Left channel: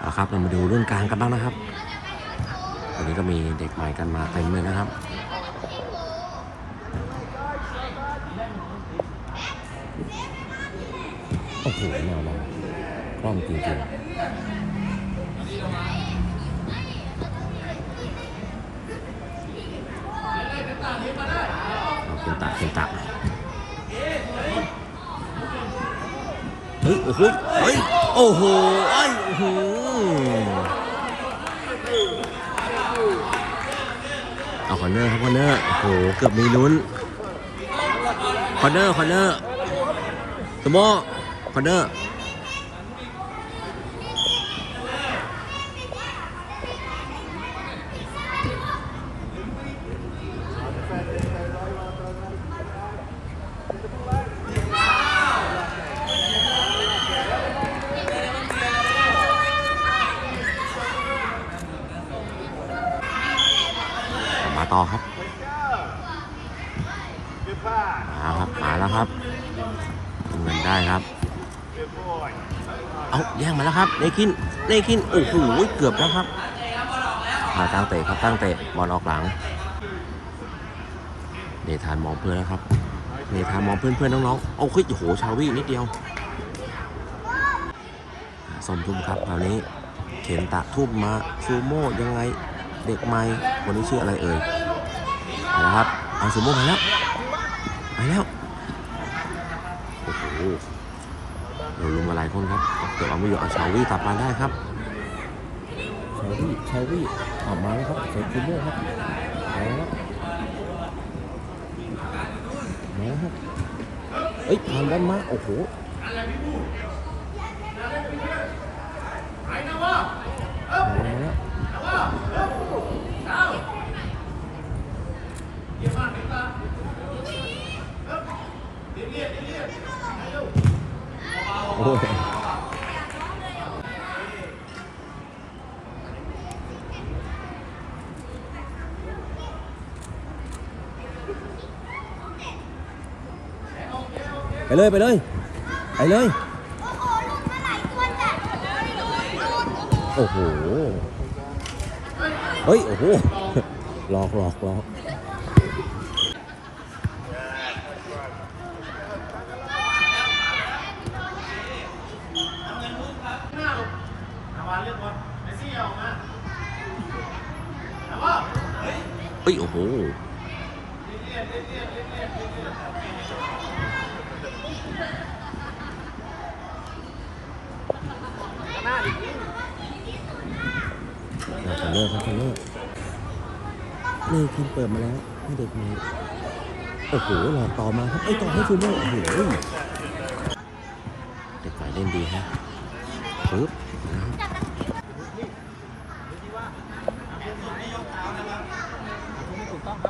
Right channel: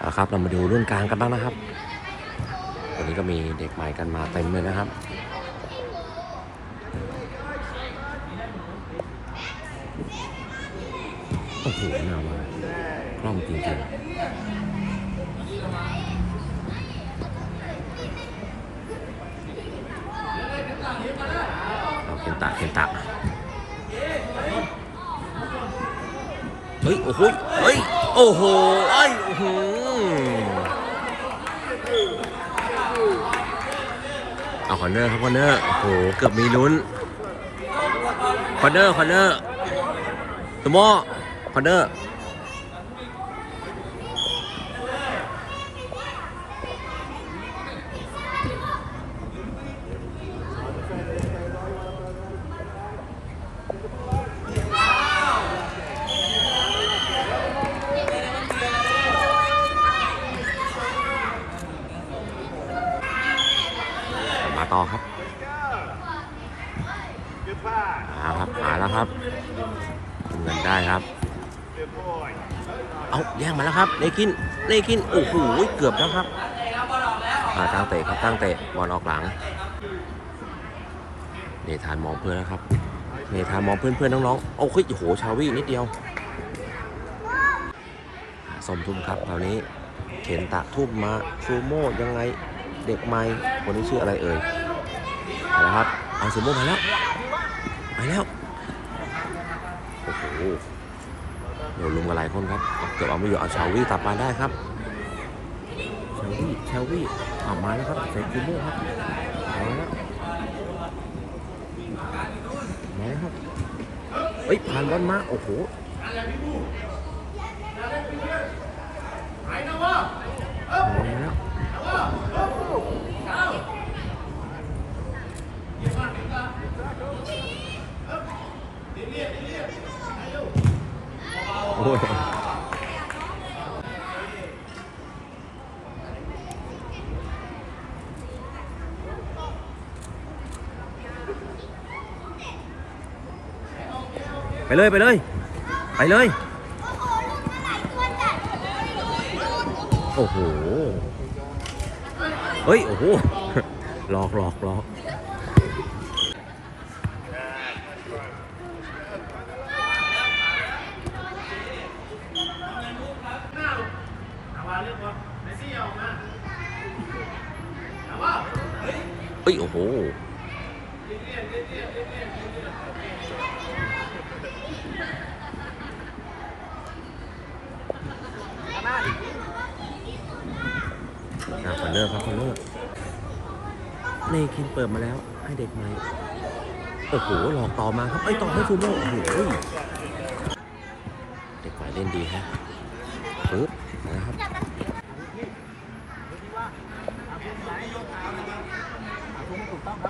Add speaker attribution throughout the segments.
Speaker 1: เอาครับ เรามาดูรุ่นกลางกันบ้างนะครับ วันนี้ก็มีเด็กใหม่กันมาเต็มเลยนะครับโอ้โหแนวมาแรงจริงๆเอาเป็นตาเป็นตาเฮ้ย โอ้โห เฮ้ย โอ้โห ไอ้โอ้โห เอาคอนเนอร์ครับคอนเนอร์โอ้โหเกือบมีลุ้นคอนเนอร์คอนเนอร์สมอคอนเนอร์ มาต่อครับ มาครับ มาแล้วครับทำเงินได้ครับ เอาแย่งมาแล้วครับเนคินเนคินโอ้โหเกือบแล้วครับอาตั้งเตะครับตั้งเตะบอลออกหลังเนธานมองเพื่อนแล้วครับเนธานมองเพื่อนเพื่อนน้องๆโอ้โหโอ้โหชาวี่นิดเดียวสมทุ่มครับคราวนี้เข็นตะทุ่มมาซูโม่ยังไงเด็กใหม่คนนี้ชื่ออะไรเอ่ยไปแล้วครับเอาซูโม่ไปแล้วไปแล้วโอ้โห เราลุมกันหลายคนครับเกือบเอาไม่อยู่เอาชาวี่ตัดมาได้ครับชาวี่ชาวี่ออกมาแล้วครับใส่คิมเบอร์ครับไปแล้วมาแล้วครับเอ้ยผ่านด้านมาโอ้โหมาแล้ว โอ้ยไปเลย ไปเลย ไปเลย โอ้โห เฮ้ย โอ้โหหลอกหลอกหลอก ฮ้ยโอ้โหอะขอเลิกครับขอเลิกนี่คินเปิดมาแล้ว ให้เด็กใหม่โอ้โหหลอกต่อมาครับเอ้ยต่อให้ซูโม่โอ้โหเด็กใหม่เล่นดีฮะปึ๊บนะครับ อื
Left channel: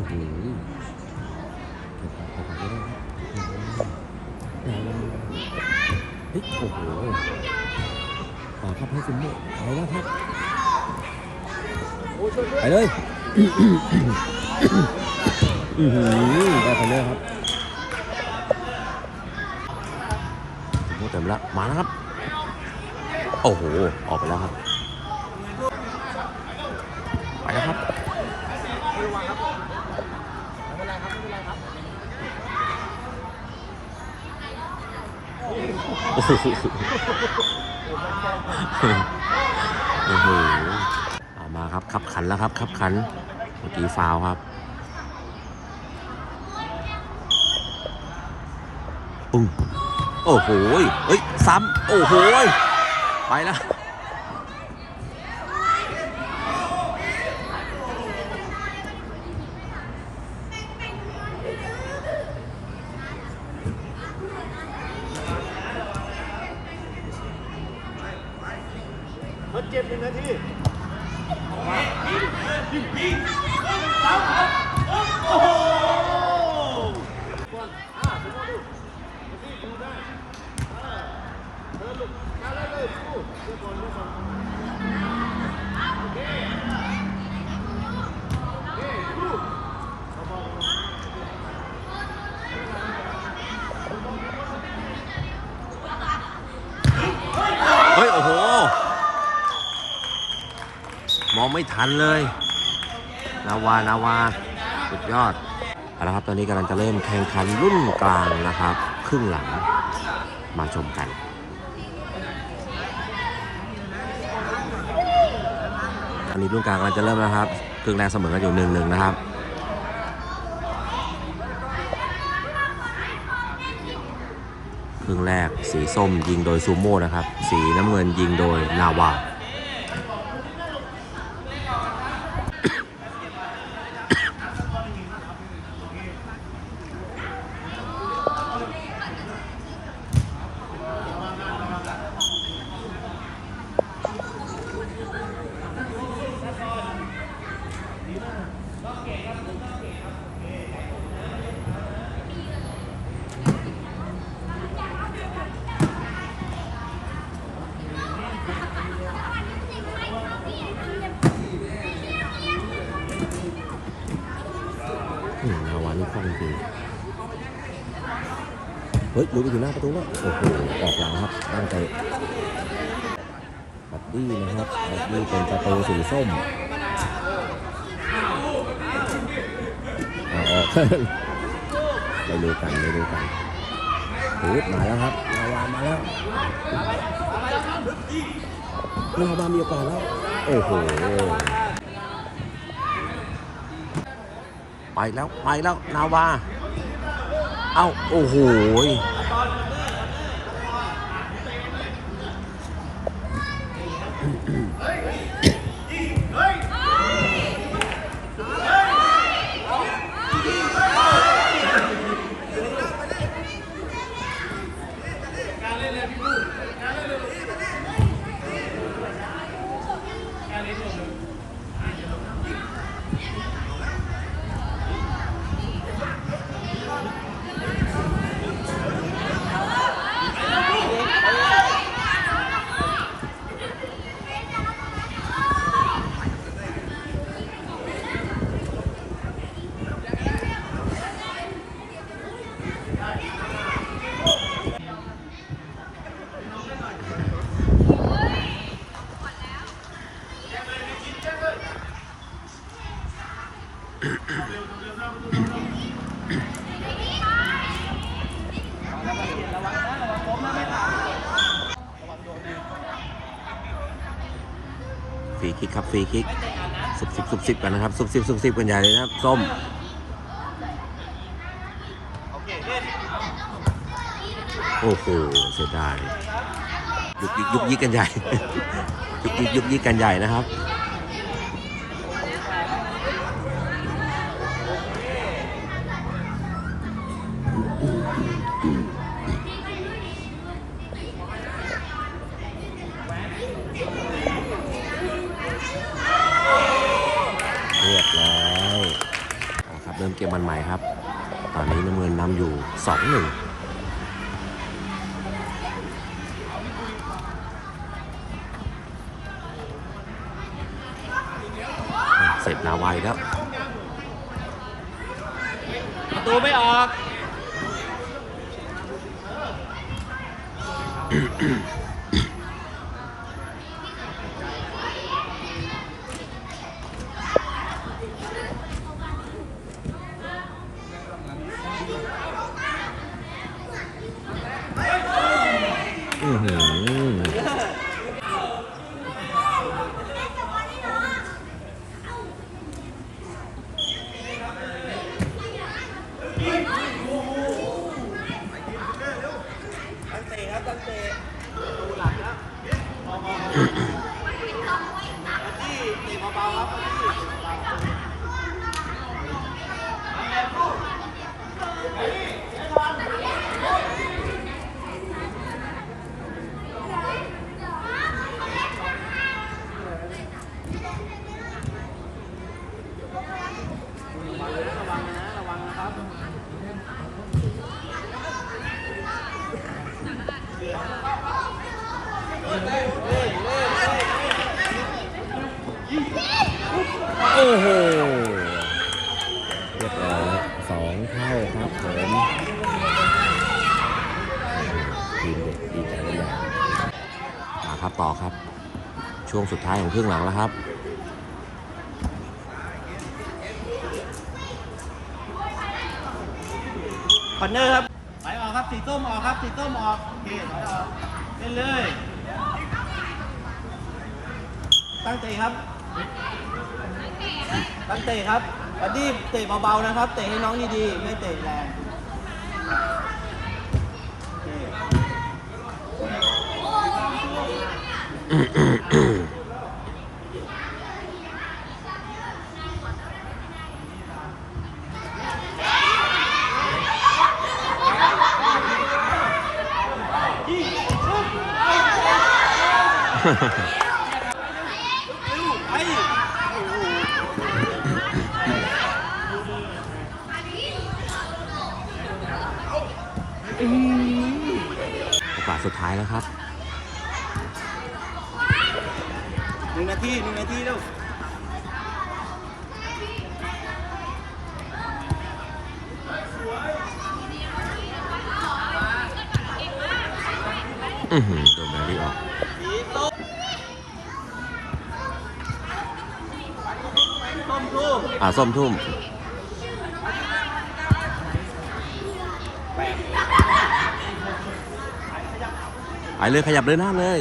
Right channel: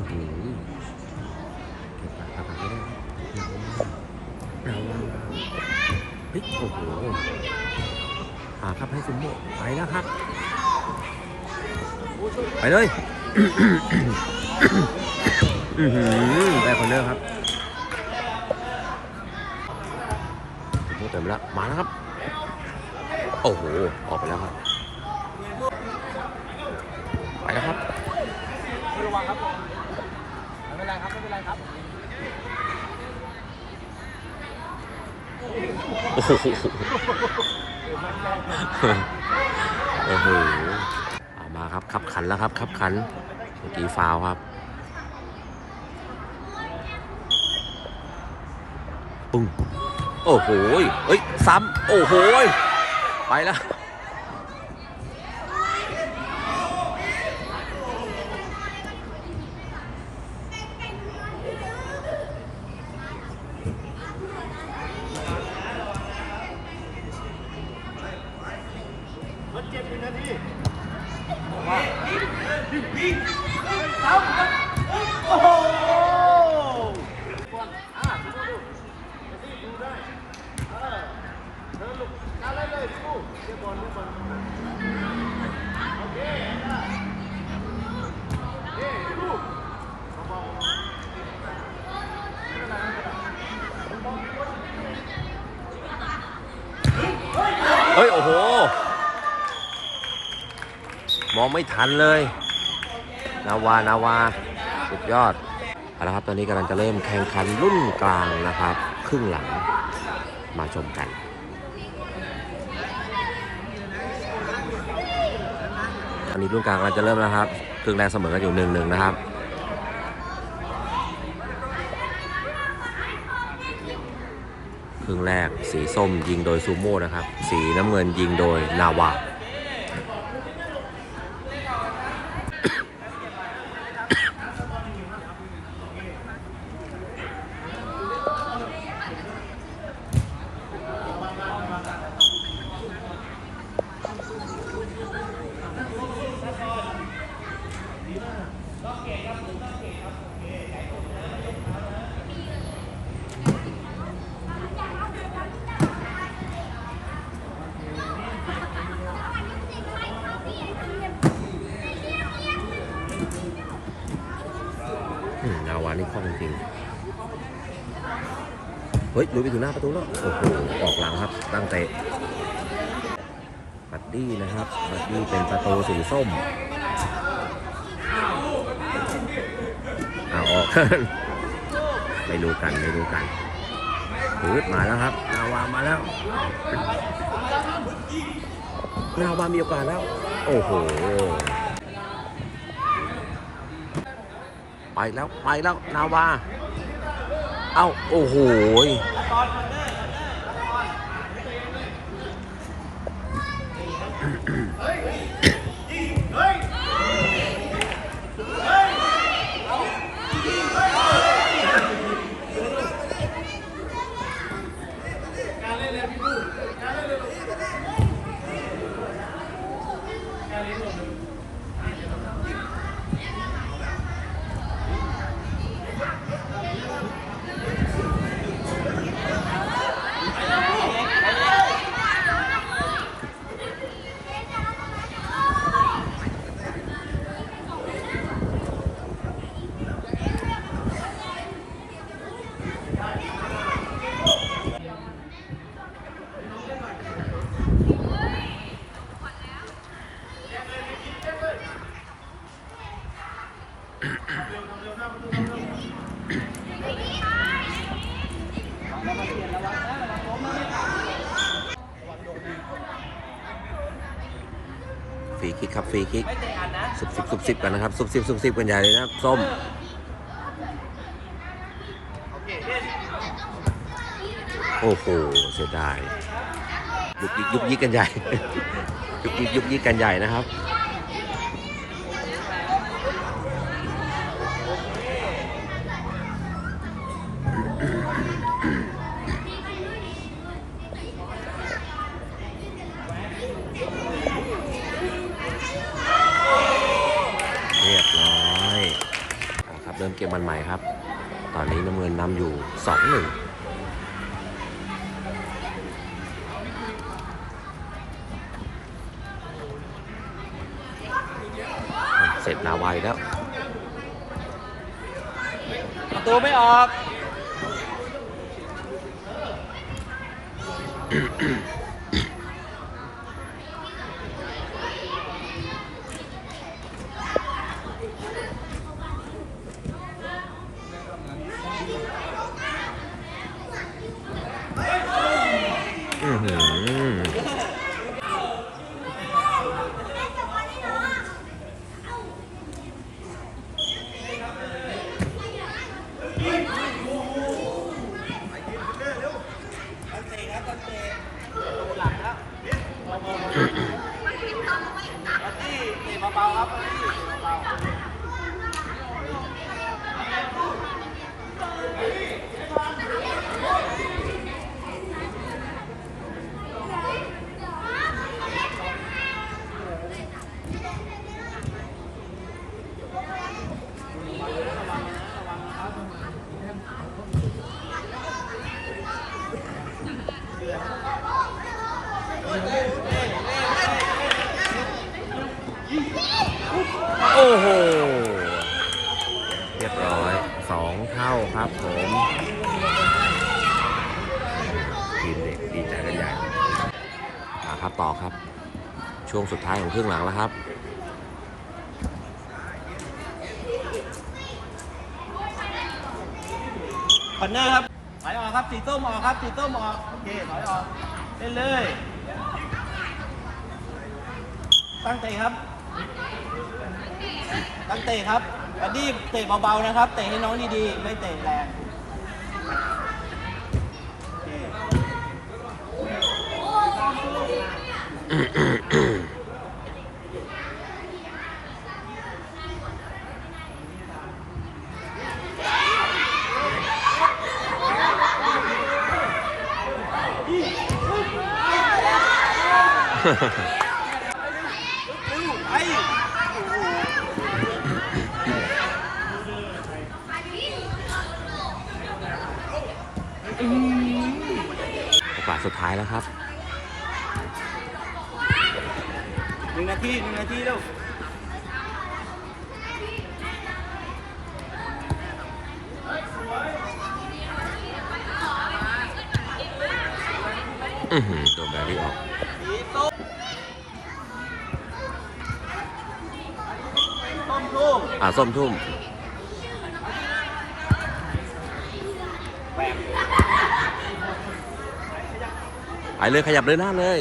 Speaker 1: อหือเก็บปากกาไม่ได้ครับอื้อหือเฮ้ยโอ้โหหาครับให้ซูโม่ไปแล้วครับ ไปเลย อือหือได้คอนเนอร์ครับโม่เต็มแล้วมาแล้วครับ โอ้โห ออกไปแล้วครับ ไปแล้วครับโอ้โหโอ้โหเอามาครับขับขันแล้วครับขับขันเมื่อกี้ฟาวครับ ปึ้งโอ้โหเฮ้ย ซ้ำ โอ้โห ไปแล้ว
Speaker 2: เม
Speaker 1: องไม่ทันเลยนาวานาวาสุดยอดเอาละครับตอนนี้กำลังจะเริ่มแข่งขันรุ่นกลางนะครับ ครึ่งหลังมาชมกันอันนี้รุ่นกลางกำลังจะเริ่มแล้วครับ ครึ่งแรกเสมอกันอยู่หนึ่งหนึ่งนะครับครึ่งแรกสีส้มยิงโดยซูโม่นะครับ สีน้ำเงินยิงโดยนาวา อืมนานี่คล่องจริงเฮ้ยลุยไปถึงหน้าประตูแล้วโอ้โหออกหลังครับตั้งเตะบัดดี้นะครับบัดดี้เป็นประตูสีส้มเอาออกไม่รู้กันไม่รู้กันปืดมาแล้วครับนาวามาแล้วนาวามีโอกาสแล้ว โอ้โห ไปแล้ว ไปแล้ว นาวา เอ้า โอ้โห ยฟรีคิกครับฟรีคิกสุบสิบสุบสิบกันนะครับสุบสิบสุบสิบกันใหญ่เลยนะครับส้มโอ้โหเสียดายยุกยิกยุกยิกกันใหญ่ ยุกยิกยุกยิกกันใหญ่นะครับ มันใหม่ครับ ตอนนี้น้ำเงินนำอยู่2-1เสร็จนาไวแล้ว
Speaker 2: ประตูไม่ออก
Speaker 1: อื้อหือ ช่วงสุดท้ายของครึ่งหลังแล้วครับคอน
Speaker 2: เนอร์ครับถอยออกครับสีต้มออกครับสีต้มออกโอเคถอยออกเล่นเลย ตั้งเตะครับ ตั้งเตะครับอดีเตะเบาๆนะครับ เตะให้น้องดีๆ ไม่เตะแรง
Speaker 1: โอกาสสุดท้ายแล้วครับ
Speaker 2: หนึ่งนาทีหนึ่งนาทีเร็ว
Speaker 1: อือหือโดนแบรี่ออกอ่าส้มทุ่มไปเลยขยับเลยหน้าเลย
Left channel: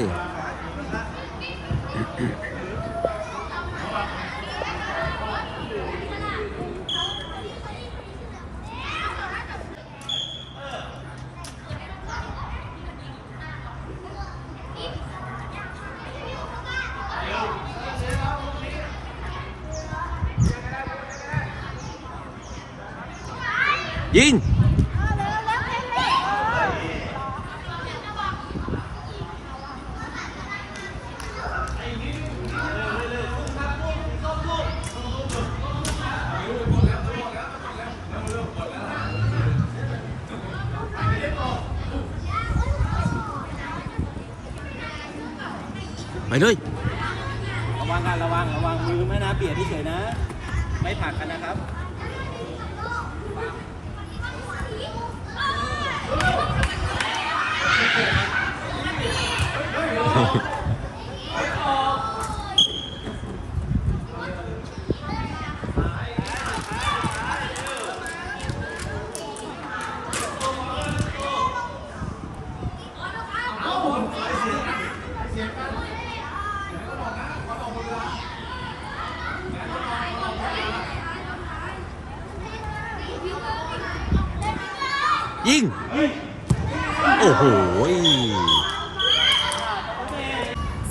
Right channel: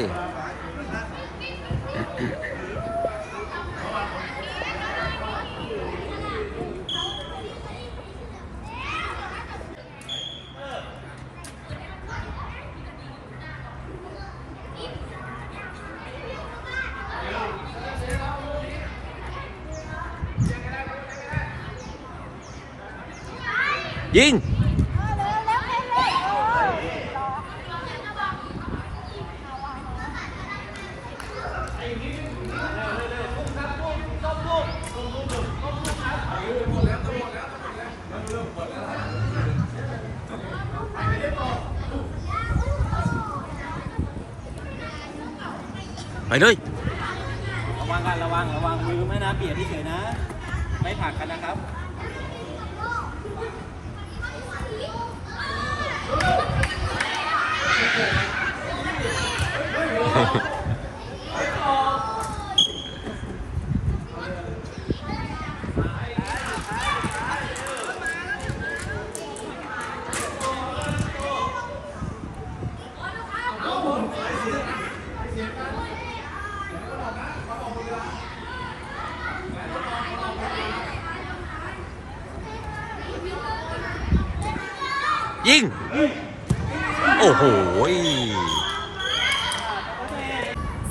Speaker 1: ยิงไปเลย
Speaker 2: ระวังกันระวังระวังมือไม่นะเบียดเฉยนะ ไม่ผลักกันนะ
Speaker 1: ยิง โอ้โห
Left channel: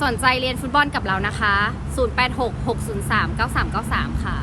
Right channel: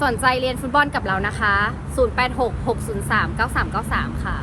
Speaker 3: สนใจเรียนฟุตบอลกับเรานะคะ 086 603 9393 ค่ะ